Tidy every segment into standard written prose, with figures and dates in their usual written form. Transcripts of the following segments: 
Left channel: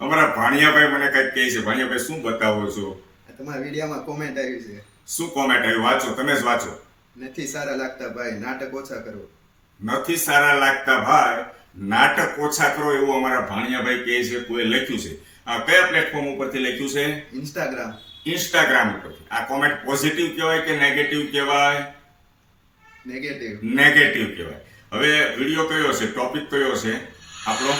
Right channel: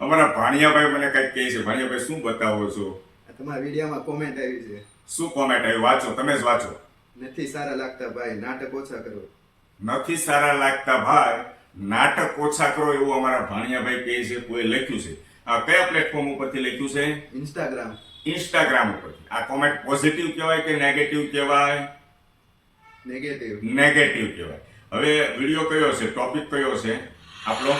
અમારા ભાણિયાભાઈ મને કંઈક કહે છે. ભાણિયાભાઈ શું બતાવો છો? તમારા વિડીયોમાં કોમેન્ટ આવી છે, શું કોમેન્ટ આવી? વાંચો, તમે જ વાંચો. નથી સારા લાગતા ભાઈ, નાટક ઓછા કરો. નથી સારા લાગતા ભાઈ, નાટક ઓછા કરો, એવું અમારા ભાણિયાભાઈ કહે છે. કોઈ લખ્યું છે. આ કયા પ્લેટફોર્મ ઉપરથી લખ્યું છે? ઇન્સ્ટાગ્રામ. ઇન્સ્ટાગ્રામ ઉપરથી. આ કોમેન્ટ પોઝિટિવ કહેવાય કે નેગેટિવ કહેવાય? નેગેટિવ. નેગેટિવ કહેવાય. હવે વિડીયો કયો છે, ટોપિક કયો છે આપણો?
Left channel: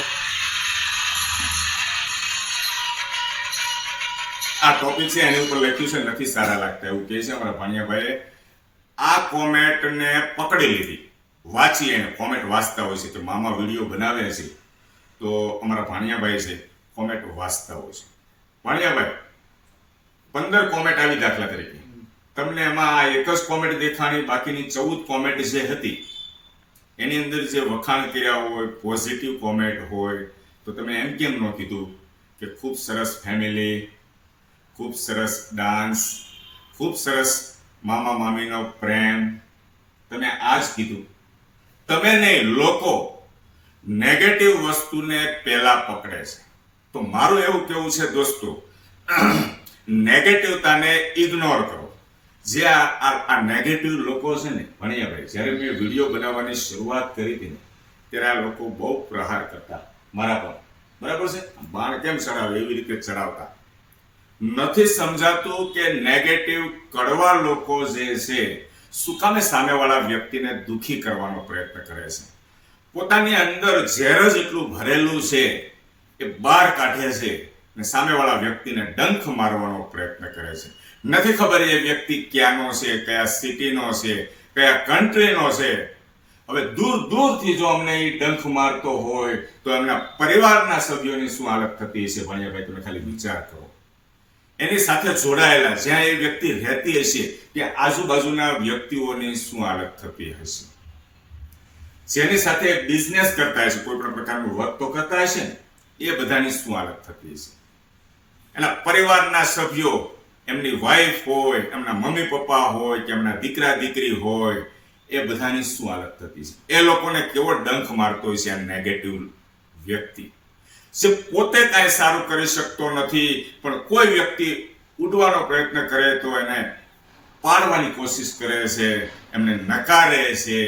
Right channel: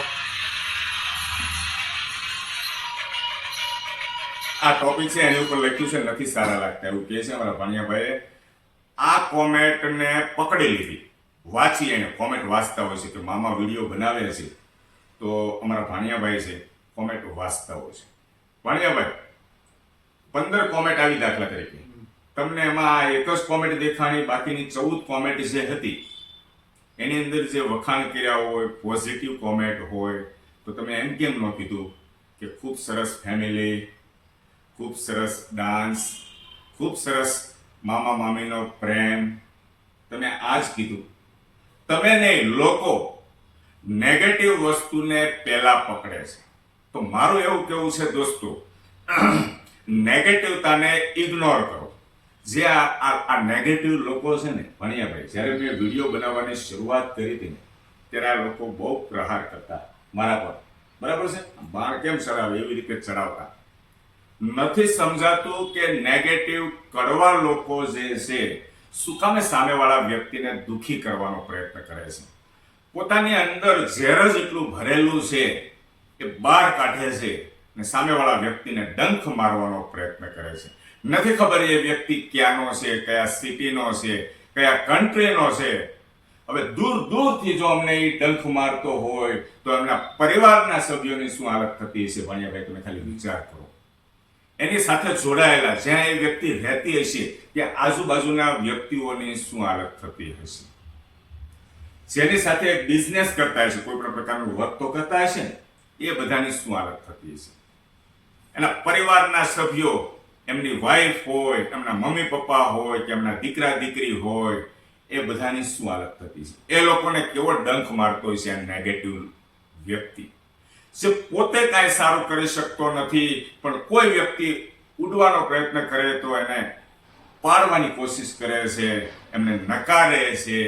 આ ટોપિક છે, એની ઉપર લખ્યું છે નથી સારા લાગતા, એવું કહે છે અમારા ભાણિયાભાઈએ. આ કોમેન્ટને પકડી લીધી, વાંચી. એને કોમેન્ટ વાંચતા હોય છે તો મામા વિડીયો બનાવે છે તો અમારા ભાણિયાભાઈ છે કોમેન્ટ વાંચતા હોય છે. ભાણિયાભાઈ 15 કોમેન્ટ આવી દાખલા તરીકે, તમને એમાં એક જ કોમેન્ટ દેખાણી, બાકીની 14 કોમેન્ટ જે હતી એની અંદર જે વખાણ કર્યા હોય, પોઝિટિવ કોમેન્ટ હોય, તો તમે એમ કેમ ન કીધું કે ખૂબ સરસ ફેમિલી, ખૂબ સરસ ડાન્સ, ખૂબ સરસ મામા મામીનો પ્રેમ? તમે આ જ કીધું. તમે નહીં, લોકો નેગેટિવ વસ્તુને પહેલા પકડે છે. તો મારું એવું કેવું છે દોસ્તો, નેગેટિવતાને ઇગ્નોર કરો. જે આ નેગેટિવ લોકો છે ને, ભાણિયાભાઈ, જ્યારે મેં વિડીયો બનાવવાની શરૂઆત કરી હતી ને ત્યારે આ લોકો બહુ પ્રહાર કરતા મારા પર, બરાબર છે? બાણ કેમ ચડાવે એવી રીતે ચડાવતા. નથી સમજાતું કે નેગેટિવ કડવા લોકો જે છે શું કામે સામેવાળા વ્યક્તિને દુઃખી કરવાનો પ્રયત્ન કરે છે. પોતાની અંદર ઝેર જ એટલું ભરેલું છે એ બહાર કાઢે છે ને સામેવાળા વ્યક્તિને ડંખ મારવાનો પ્રયત્ન કરે છે. નથી ખબર એ વ્યક્તિ ક્યાંનો છે, કયા સિટીનો છે, કયા કન્ટ્રીનો છે. હવે દૂર દૂરથી જો અમને એ ડંખ મારતો હોય તો એમના પરિવારના સભ્યોની શું હાલત થતી હશે? ભાણિયાભાઈ, તમે ખાલી વિચાર કરો. એની સાથે જોડાયેલા જ્યાં એ વ્યક્તિ રહેતી હશે ત્યાં આજુબાજુના વ્યક્તિઓની શું હાલત થતી હશે? જેની સાથે બિઝનેસ કરતા હશે, કોઈ પણ પ્રકારનું વર્ક તો કરતા હશે ને, એ બધાની શું હાલત થતી હશે? એના પરિવારના સભ્યો, એમની વાઈફ હોય, એમના મમ્મી પપ્પા હોય કે એમના દીકરા દીકરી હોય, એ બધાની શું હાલત થતી છે? એ લોકોને કેવો ડંખ મારતો હોય છે આ નેગેટિવ વ્યક્તિ, જે પોતે કાંઈ સારું કરી શકતો નથી પણ કોઈ વ્યક્તિ ઉડવાનો પ્રયત્ન કરે તો એને પાડવાની કોશિશ કરે છે, એમને નકારે છે.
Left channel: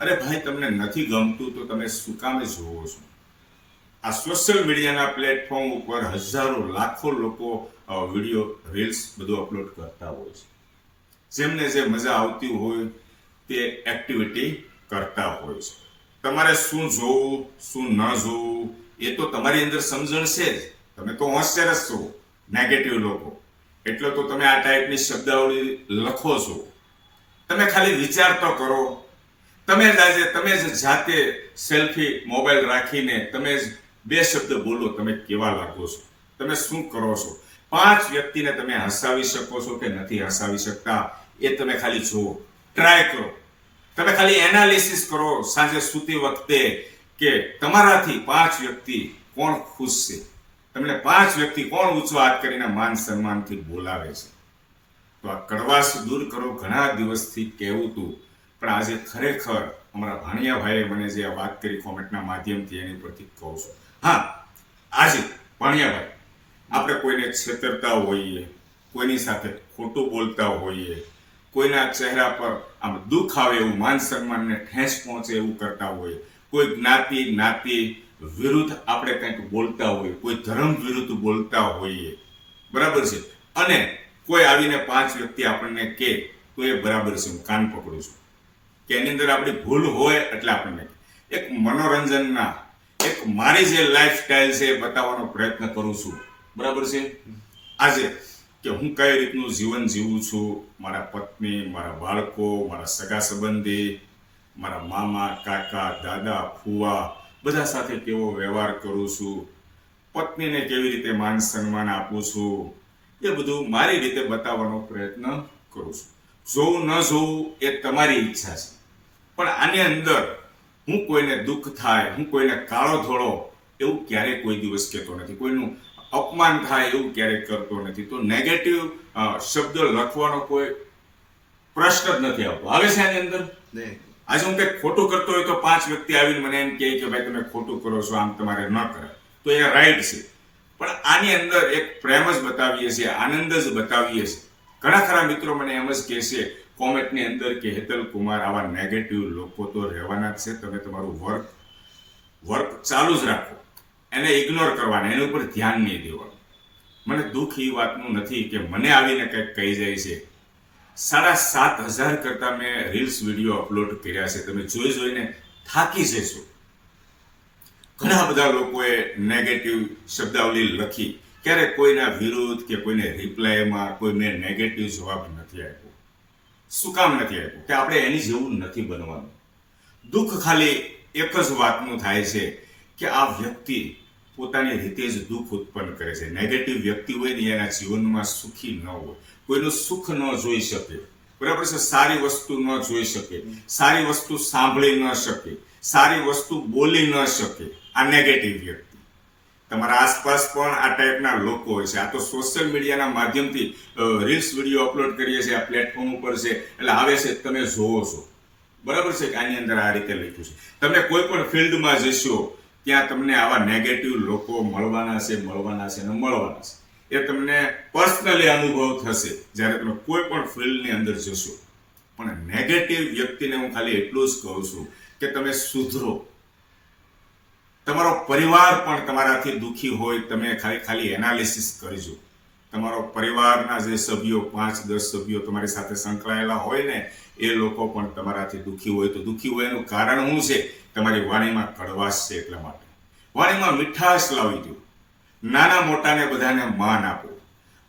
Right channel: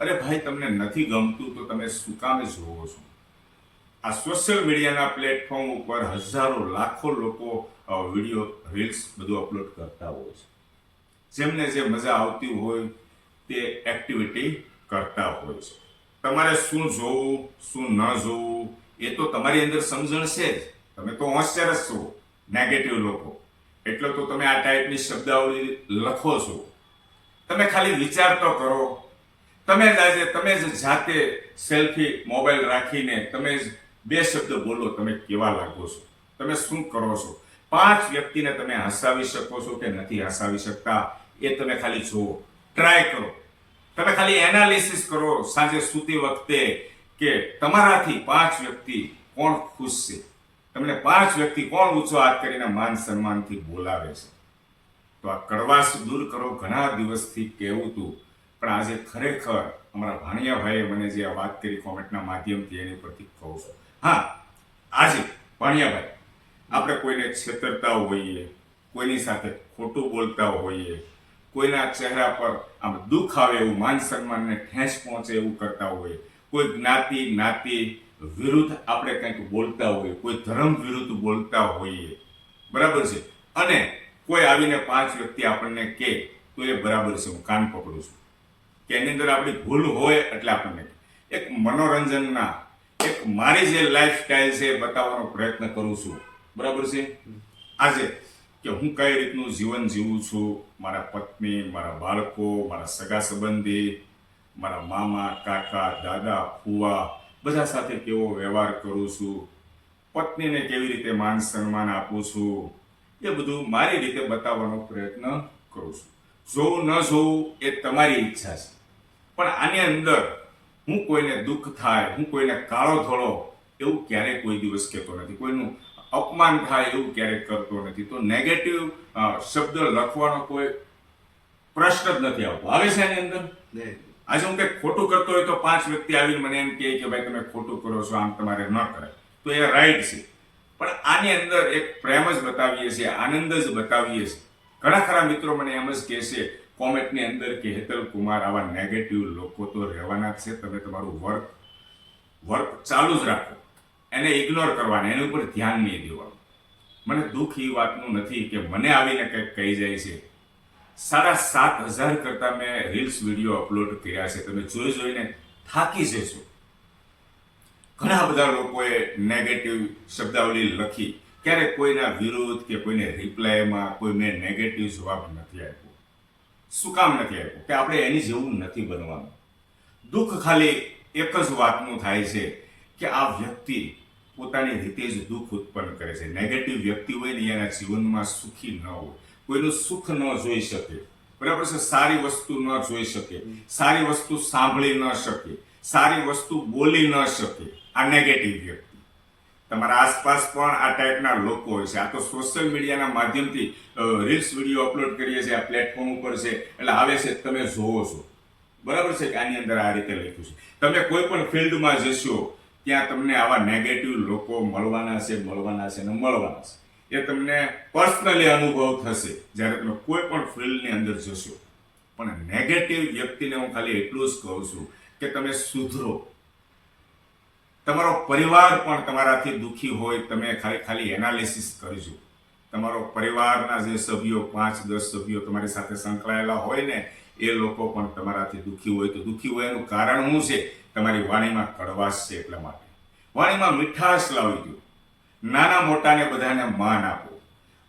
અરે ભાઈ, તમને નથી ગમતું તો તમે શું કામે જોવો છો? આ સોશિયલ મીડિયાના પ્લેટફોર્મ ઉપર હજારો લાખો લોકો વિડીયો, રીલ્સ બધું અપલોડ કરતા હોય છે. જેમને જે મજા આવતી હોય તે એક્ટિવિટી કરતા હોય છે. તમારે શું જોવું, શું ન જોવું, એ તો તમારી અંદર સમજણ છે જ. તમે તો હોશિયાર જ છો, નેગેટિવ લોકો, એટલે તો તમે આ ટાઈપની શબ્દાવલી લખો છો. તમે ખાલી વિચાર તો કરો. તમે જ જાતે સેલ્ફી મોબાઈલ રાખીને તમે જ 2 શબ્દ બોલો, તમે કેવા લાગો છો, તમે શું કરો છો? 5 વ્યક્તિને તમે હસાવી શકો છો કે નથી હસાવી શકતા એ તમે ખાલી જુઓ, ટ્રાય કરો. તમે ખાલી એનાલિસિસ કરો સાંજે સૂતી વખતે કે તમારાથી 5 વ્યક્તિ કોણ ખુશ છે, તમને 5 વ્યક્તિ કોણ ઊંચો હાથ કરીને માન સન્માનથી બોલાવે છે. તો આ કડવાશ દૂર કરો. ઘણા દિવસથી કહેવું હતું પણ આજે ખરેખર અમારા ભાણિયાભાઈએ મને જે આ વાત કરી કોમેન્ટના માધ્યમથી એની ઉપરથી કહું છું. હા, આજે ભાણિયાભાઈ, આપણે કોઈને છેતરતા હોઈએ, કોઈની સાથે ખોટું બોલતા હોઈએ, કોઈના ચહેરા પર આમ દુઃખ આવે એવું, માન સન્માનને ઠેસ પહોંચે એવું કરતા હોઈએ, કોઈ જ્ઞાતિ વિરુદ્ધ આપણે કંઈક બોલતા હોઈએ, કોઈ ધર્મ વિરુદ્ધ બોલતા હોઈએ, બરાબર છે, અને કોઈ આવીને 5 વ્યક્તિ આપણને કહે તો એ બરાબર છે, હું કાન પકડું છું કે એની અંદર આપણી ભૂલ હોય એટલે આપણને એક મનોરંજનના, એક મારી જે લાઈફસ્ટાઈલ છે એ બતાવવાનો પ્રયત્ન કરું છું, બરાબર છે. આજે કે હું કઈ રીતનું જીવન જીવું છું, મારા પત્ની, મારા બાળકો, મારા સગા સંબંધી, મારા મામા, કાકા, દાદા, ફુવા, બધા સાથે કેવો વ્યવહાર કરું છું, પત્નીને કેવી રીતે માન સન્માન આપું છું, એ બધું મારી રીતે બતાવવાનો પ્રયત્ન કરું છું. જોવું ન જોવું એ તમારી ઈચ્છા છે, પણ આની અંદર હું કોઈને દુઃખ થાય, હું કોઈને કાળો ધોળો એવું ક્યારેય કોઈ દિવસ કહેતો નથી, કોઈનું અપમાન થાય એવું ક્યારેય કરતો નથી. તો નેગેટિવ શબ્દ લખવાનો કોઈ પ્રશ્ન જ નથી આવતો. આવે છે એની અંદર? આજે હું કંઈક ખોટું કરતો હોય તો 5 વ્યક્તિ આવીને મને એમ કહે કે ભાઈ તમે ખોટું કરો છો, આમ તમારે ન કરાય, તો એ રાઈટ છે. પણ આની અંદર એક પ્રેમ જ બતાવીએ છીએ, આનંદ જ બતાવીએ છીએ. ઘણા ખરા મિત્રો મને એમ જ કહે છે કોમેન્ટની અંદર કે હેતલ કુમાર, આવા નેગેટિવ લોકો તો રહેવાના જ છે, તમે તમારું વર્ક ચાલુ જ રાખો, એને ઇગ્નોર કરવાના, એની ઉપર ધ્યાન નહીં દેવાનું. મને દુઃખ એ વાતનું નથી કે મને આવીને કંઈક કહી જાય છે. 7,500 કરતાં મેં રીલ્સ વિડીયો અપલોડ કર્યા છે, તમે જોઈને થાકી જશો. ઘણા બધા લોકોએ નેગેટિવ શબ્દાવલી લખી, ક્યારે કોઈના વિરુદ્ધ કે કોઈને રિપ્લાયમાં કોઈ મેં નેગેટિવ જવાબ નથી આપ્યો. શું કામ નથી આપ્યું? કે આપણે એની જેવું નથી બનવાનું. દુઃખ ખાલી એક જ વાતનું થાય છે કે આ વ્યક્તિ પોતાની રીતે જ દુઃખ ઉત્પન્ન કરે છે. નેગેટિવ વ્યક્તિ હોય ને એના જીવનમાં સુખી ન હોય, કોઈનું સુખ ન જોઈ શકે, બરાબર છે, સારી વસ્તુ ન જોઈ શકે, સારી વસ્તુ સાંભળી ન શકે, સારી વસ્તુ બોલી ન શકે. આ નેગેટિવ વ્યક્તિ. તમારા આસપાસ પણ આ ટાઈપના લોકો હોય છે. આ તો સોશિયલ મીડિયાના માધ્યમથી રીલ્સ વિડીયો અપલોડ કરીએ છીએ, આ પ્લેટફોર્મ ઉપર છે એટલે આવે છે, તમે જોવો છો, બરાબર છે, કે આની અંદર આ રીતે લખ્યું છે. તમે કોઈ પણ ફિલ્ડમાં જશો ત્યાં તમને આવા નેગેટિવ લોકો મળવાના છે ને મળવાના છે. એ તમને પર્સનલી અનુભવ થશે જ્યારે તમે કોઈ પણ ફિલ્ડની અંદર જશો. પણ નેગેટિવ વ્યક્તિને હું ખાલી એટલું જ કહું છું કે તમે સુધરો. તમારો પરિવાર પણ તમારાથી દુઃખી હોય, તમે ખાલી એનાલિસિસ કરજો. તમારો પરિવારના જે સભ્યો 5-10 સભ્યો તમારી સાથે સંકળાયેલા હોય ને, એ લોકો પણ તમારાથી દુઃખી હોય. તો દુઃખી હોય એનું કારણ શું છે? તમારી વાણીમાં કડવાશ છે. એટલા માટે વાણીમાં મીઠાશ લાવી દો. નાના મોટાને બધાને માન આપો,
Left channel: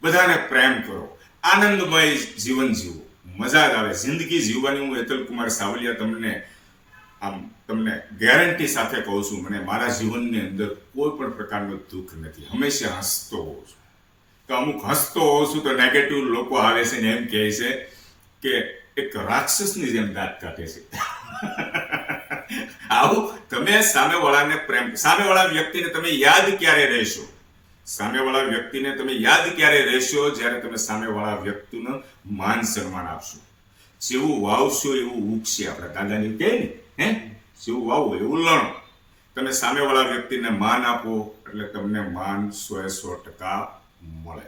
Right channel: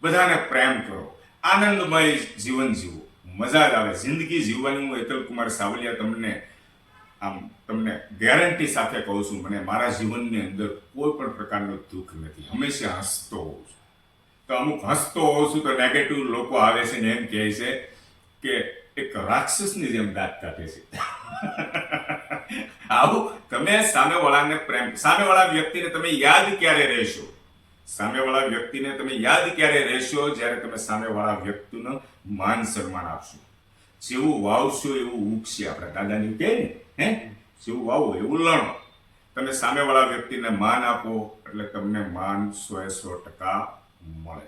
બધાને પ્રેમ કરો, આનંદમય જીવન જીવો, મજા જ આવે. જિંદગી જીવવાની હું હેતલ કુમાર સાવલિયા તમને ગેરંટી સાથે કહું છું. મને મારા જીવનની અંદર કોઈ પણ પ્રકારનું દુઃખ નથી. હંમેશા હસતો હોઉં છું. તો અમુક હસતો હોઉં છું તો નેગેટિવ લોકો આવે છે ને એમ કહે છે કે એક રાક્ષસની જેમ દાંત કાઢે છે. આવું તમે સામેવાળાને પ્રેમ, સામેવાળા વ્યક્તિને તમે યાદ ક્યારે રહેશો? સામેવાળા વ્યક્તિને તમે યાદ ક્યારે રહેશો? જ્યારે તમે સામેવાળા વ્યક્તિનું માન સન્માન આપશો. જેવું વાવશો એવું ઉગશે. આપણા દાદાની કહે ને, જેવું વાવો એવું લણો. તમે સામેવાળા વ્યક્તિને માન આપો એટલે તમને માન 100% મળે.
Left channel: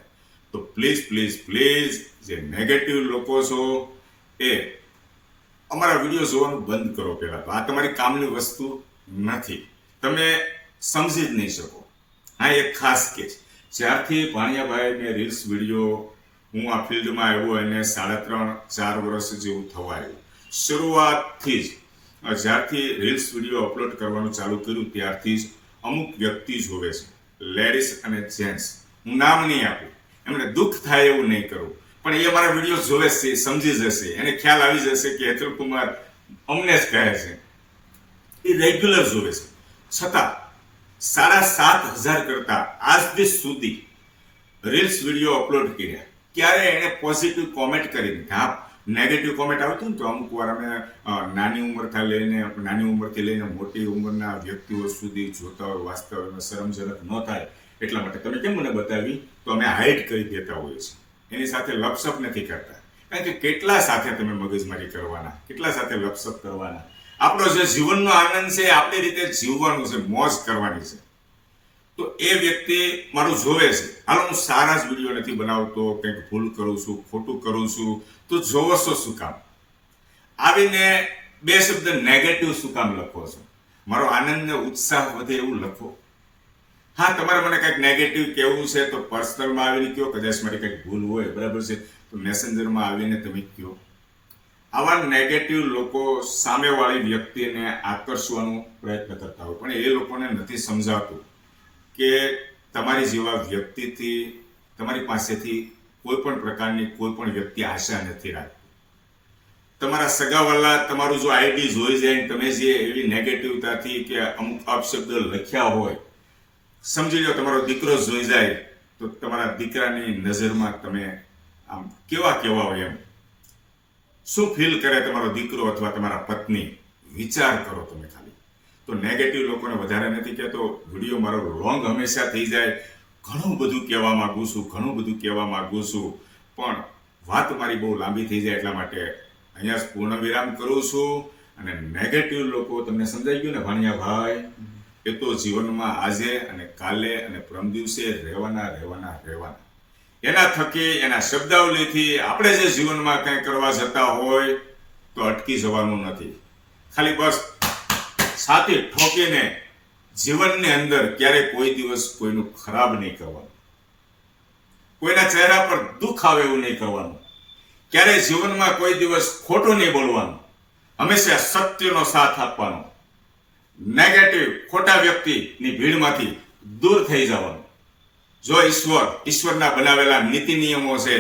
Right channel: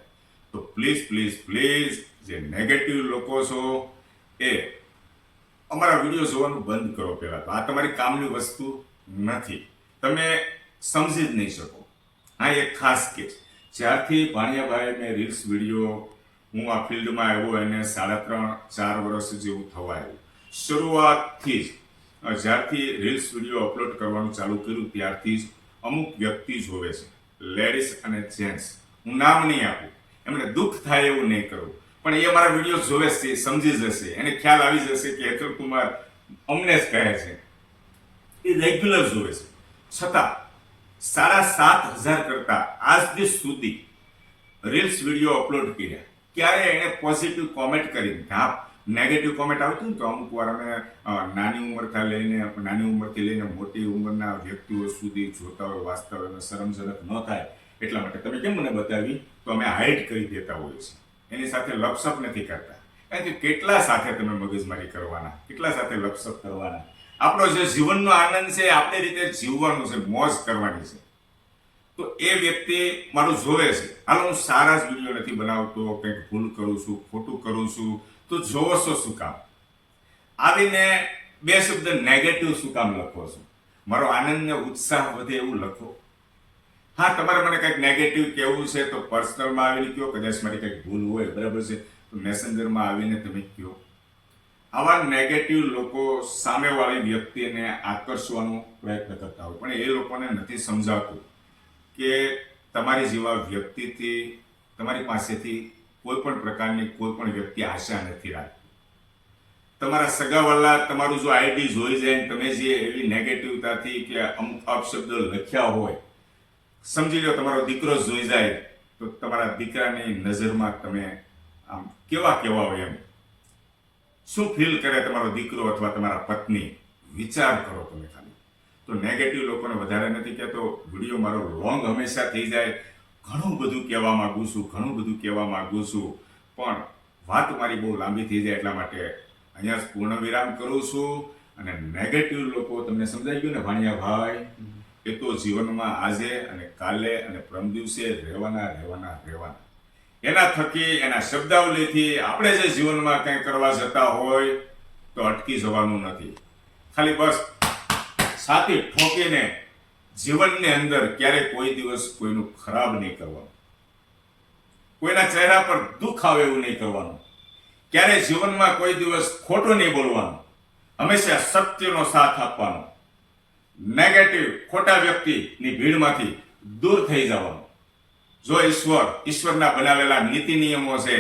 તો પ્લીઝ પ્લીઝ પ્લીઝ જે નેગેટિવ લોકો છો એ અમારા વિડીયો જોવાનું બંધ કરો. પહેલા તો આ તમારી કામની વસ્તુ નથી, તમે સમજી જ નહીં શકો. હા, એક ખાસ કેસ, જ્યારથી ભાણિયાભાઈ મેં રીલ્સ વિડીયો, હું આ ફિલ્ડમાં આવ્યો એને 3.5-4 વર્ષ જેવું થવા આવ્યું. શરૂઆતથી જ જ્યારથી રીલ્સ વિડીયો અપલોડ કરવાનું ચાલુ કર્યું ત્યારથી જ અમુક વ્યક્તિ જોવે છે, લેડીઝ અને જેન્ટ્સ, હું નામ નહીં આપું, એમને દુઃખ થાય એવું નહીં કરું, પણ એ અમારા વિડીયો જોવે છે, સમજી જશે, એને ખ્યાલ આવી જશે કે હેતલ કુમાર અમને જ કહે છે. એ રેગ્યુલર જોવે છે. છતાં 7,500 કરતાં આજ દિવસ સુધી રીલ્સ વિડીયો અપલોડ કર્યા, ક્યારે એને પોઝિટિવ કોમેન્ટ કરી. હા, નેગેટિવ કોમેન્ટ આવતું ને તો અમુક વાર અમે નાની ઉંમરથી લઈને મોટી ઉંમરના વ્યક્તિઓ સુધી જોતા હોય, વાંચતા હોય, શરમજનક ન થાય એટલા માટે તમે કેમ મને બતાવી તો અમે હાઇડ કરી દેતા હોઈએ છીએ. એની સાથે લપસપ નથી કરતા, કારણ કે કેટલા સાથે તમે મગજમારી કરવાના, કેટલા સાથે લપસપ કરવાના. આપણો જે જીવનનો આનંદ છે આપણી રીતે જીવવાનું છે, મોજ કરવાની છે. તો એ વ્યક્તિ મારું જોવે છે, હાલો હું સારા જ વિડીયો નથી બનાવતો, કંઈક ભૂલ કરું છું, ખોટું કરું છું, તો જોવો છો શું કામ? આવીને 2 શબ્દ નેગેટિવ શું કામ લખો છો? મારો આનંદ ને ઉત્સાહ વધે એવું લખો. હા, તમારે મને કંઈક નેગેટિવ કહેવું છે તો પર્સનલમાં આવીને કહો, કદાચ મારી કંઈક ભૂલ હોય, બરાબર છે, તો મેસેન્જરમાં આવીને તમે કહો. આવા નેગેટિવ લોકો સામેવાળી વ્યક્તિને આકર્ષવાનો પ્રયત્ન કરતા હોય, પણ એ લોકોને નથી સમજાતું કે તમારી જેવા વ્યક્તિથી, તમારી પાસેથી કોઈ પણ પ્રકારની કોઈ પણ વ્યક્તિ આશા નથી રાખતી. તમારા સગાવાલા તમારું જો આઈડી જોઈ જાય, તમે જે એવી નેગેટિવતાથી કે અમુક અપશબ્દ લખ્યા હોય, સમજી લો તમારો દીકરો જોઈ જાય તો તમારા દીકરાની નજરમાં તમે આમ કેવા હોય, એમ શું ફીલ કરે તમારો દીકરો અથવા તમારા પત્ની? વિચાર કરો તમે ખાલી. તો નેગેટિવ લોકોને વધારે નથી કહેતો, વિડીયો મારો લોંગ હંમેશા થઈ જાય. ઘણું બધું કહેવા માગું છું, પણ વાત મારી બહુ લાંબી થઈ જાય એટલા માટે અહીંયા જ પૂર્ણ વિરામ કરું છું. અને નેગેટિવ લોકો, તમને સમજાઈ ગયું ને ભાણિયાભાઈ? એ તો જીવનમાં આજે અને કાલે અને પરમ દિવસે રહેવાના. એના થકી એના શબ્દાવલીથી આપણે જે જીવનમાં કંઈ કરવા જતા હોય તો અટકી જવાનું નથી. ખાલી બસ છાતી ઠોકીને જીવનની અંદર ક્યારેય કોઈ દિવસ કોઈનું ખરાબ નહીં કરવાનું, કોઈના ચહેરા પર દુઃખ આવે એવું નહીં કરવાનું, ક્યારેય જીવનમાં કોઈ દિવસ ખોટું નહીં બોલવાનું, હંમેશા સત્યનો સાથ આપવાનો, નેગેટિવ ખોટા વ્યક્તિની ભીડમાંથી દૂર થઈ જવાનું. જો ઈશ્વરના બનાવેલા નીતિ નિયમો છે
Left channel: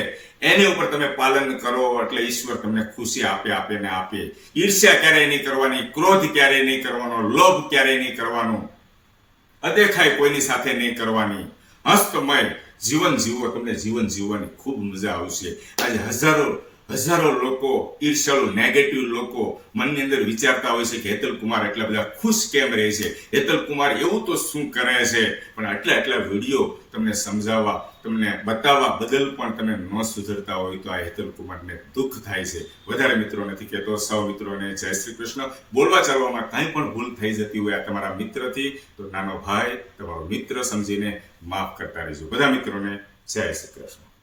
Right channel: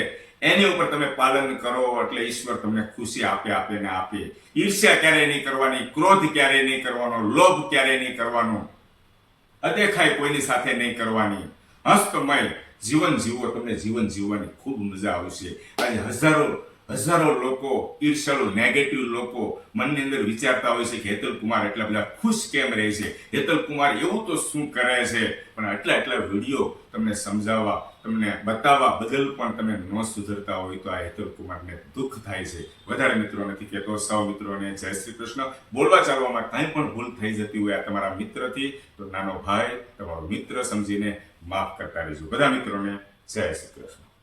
એની ઉપર તમે પાલન કરો એટલે ઈશ્વર તમને ખુશી આપે. ઈર્ષ્યા ક્યારેય નહીં કરવાની, ક્રોધ ક્યારેય નહીં કરવાનો, લોભ ક્યારેય નહીં કરવાનો, અદેખાઈ કોઈની સાથે નહીં કરવાની. હસ્તમય જીવન જીવો, તમને જીવન જીવવાની ખૂબ મજા આવશે. આજે હજારો લોકો, ઈર્ષાળુ નેગેટિવ લોકો મનની અંદર વિચારતા હોય છે કે હેતલ કુમાર એટલા બધા ખુશ કેમ રહે છે, હેતલ કુમાર એવું તો શું કરે છે. પણ આટલા વિડીયો તમને સમજાવવા, તમને બતાવવા બદલ પણ તમે ન સુધરતા હોય તો આ હેતલ કુમારને દુઃખ થાય છે. વધારે મિત્રો નથી કહેતો, સૌ મિત્રોને જય શ્રી કૃષ્ણ. બોલવા ચાલવામાં કાંઈ પણ ભૂલ થઈ જતી હોય આ તમારા મિત્રથી તો નાનો ભાઈ તમારો મિત્ર સમજીને માફ કરતા રહેજો. બધા મિત્રોને જય શ્રી કૃષ્ણ.